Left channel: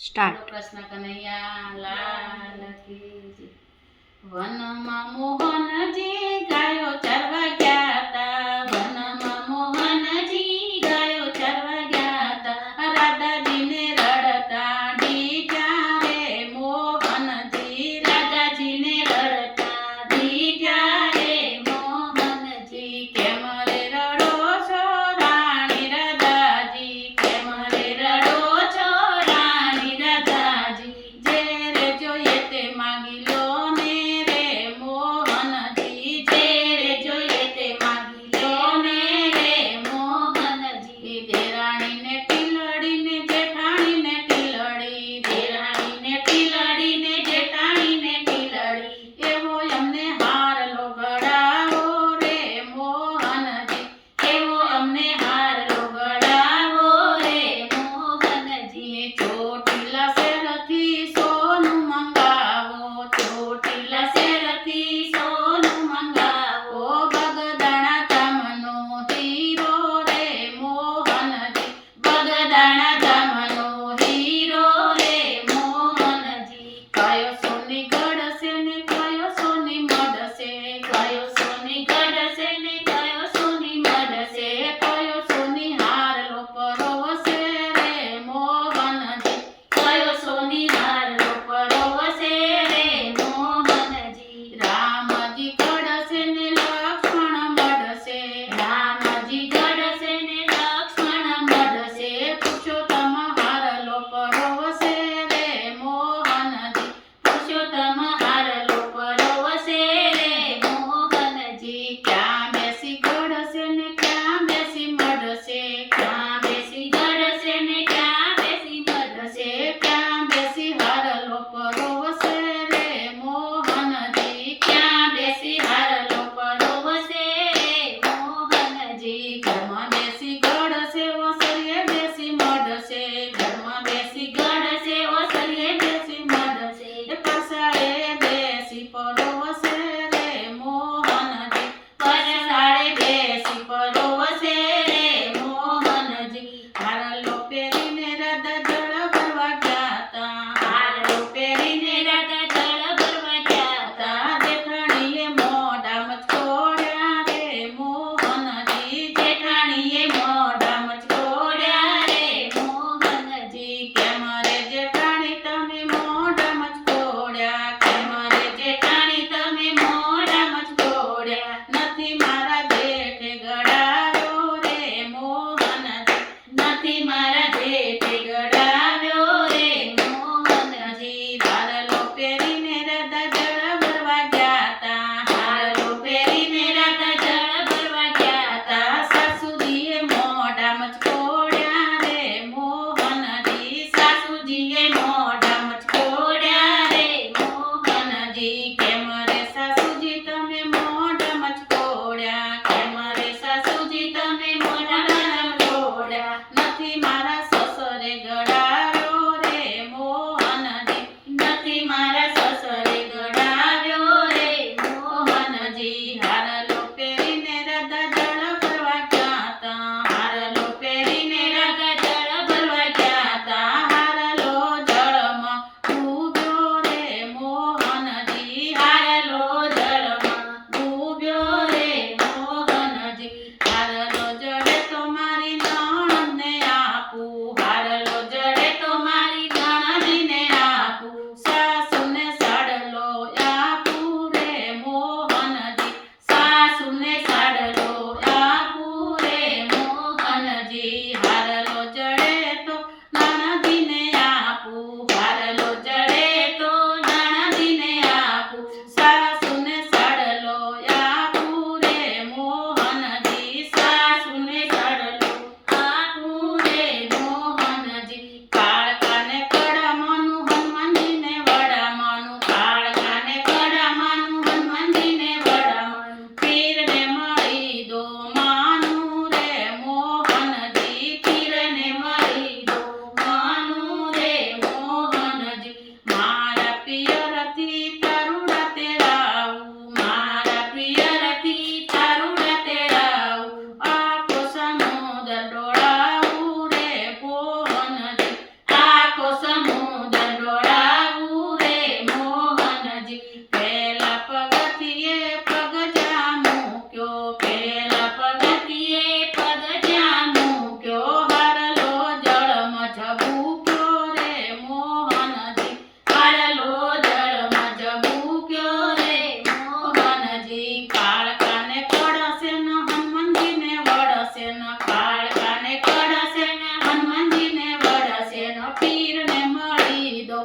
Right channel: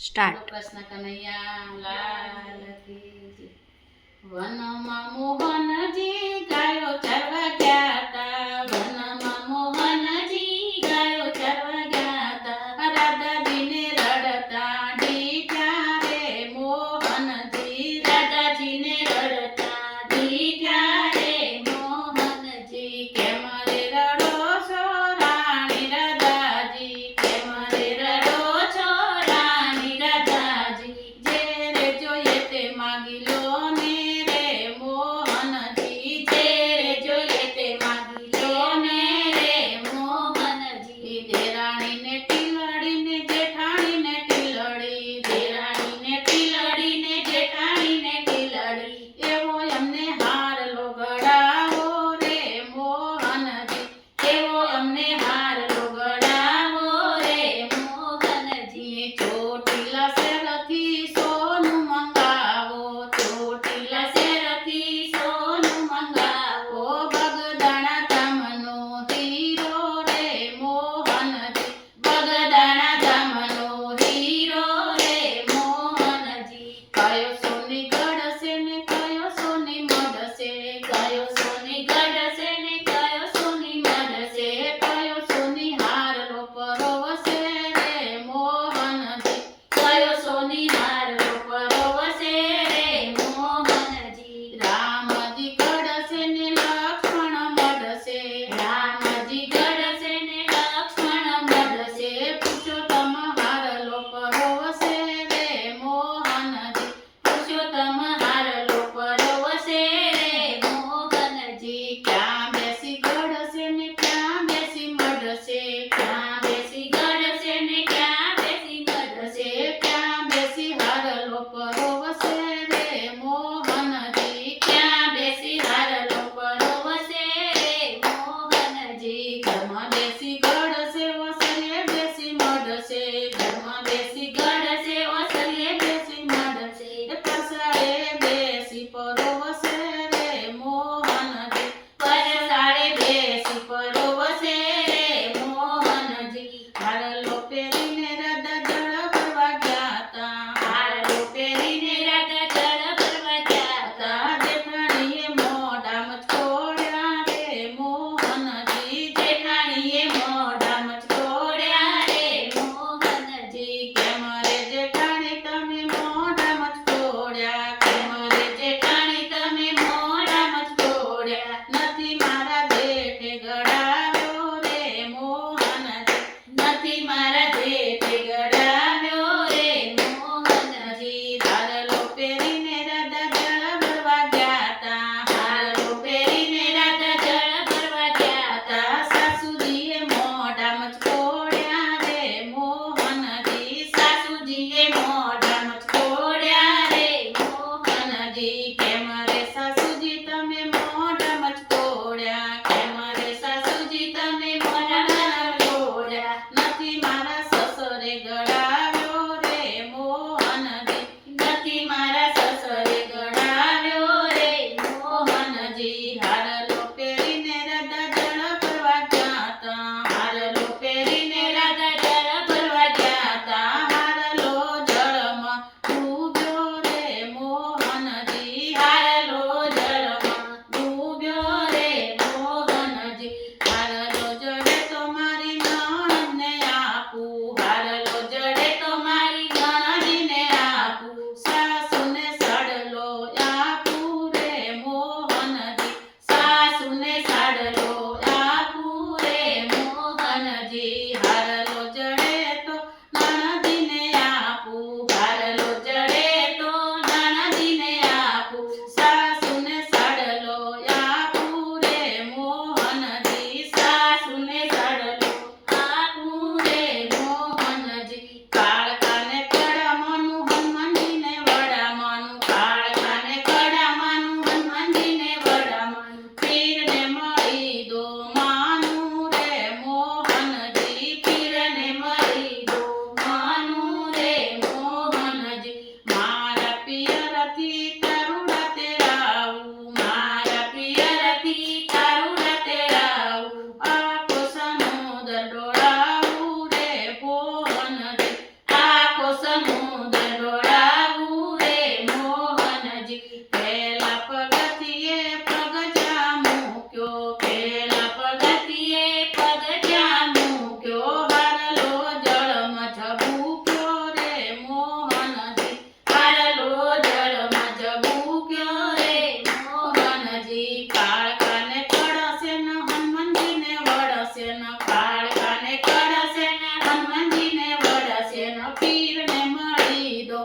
Start Krishna Kanaiya લાલ વનમાં મોહનજી ગાયો ચરવા ગયા. chotila Mommy, see, go. મૂક્યો મોહનજી, હારલો જળમાં જબૂક્યો રે મોહનજી, કાળકાને ન હનુમાનજીને વળશે ન, કાળકાને કળશે હનુમાનજીને વળશે ન, પીરને મળી દો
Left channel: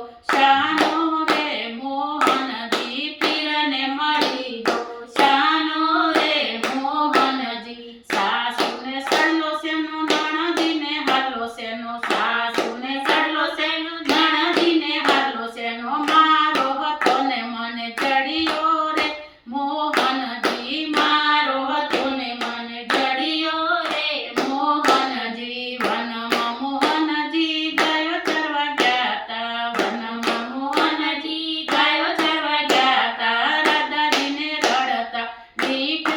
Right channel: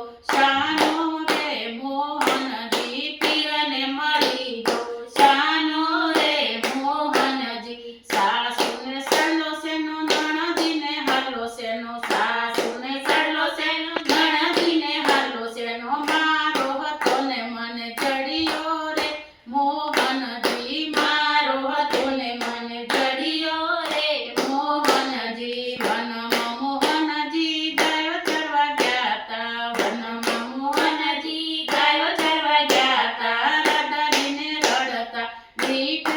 શેનો? સાસુ ને ચડલો મોહનજી મારો હતો ને મને રડતા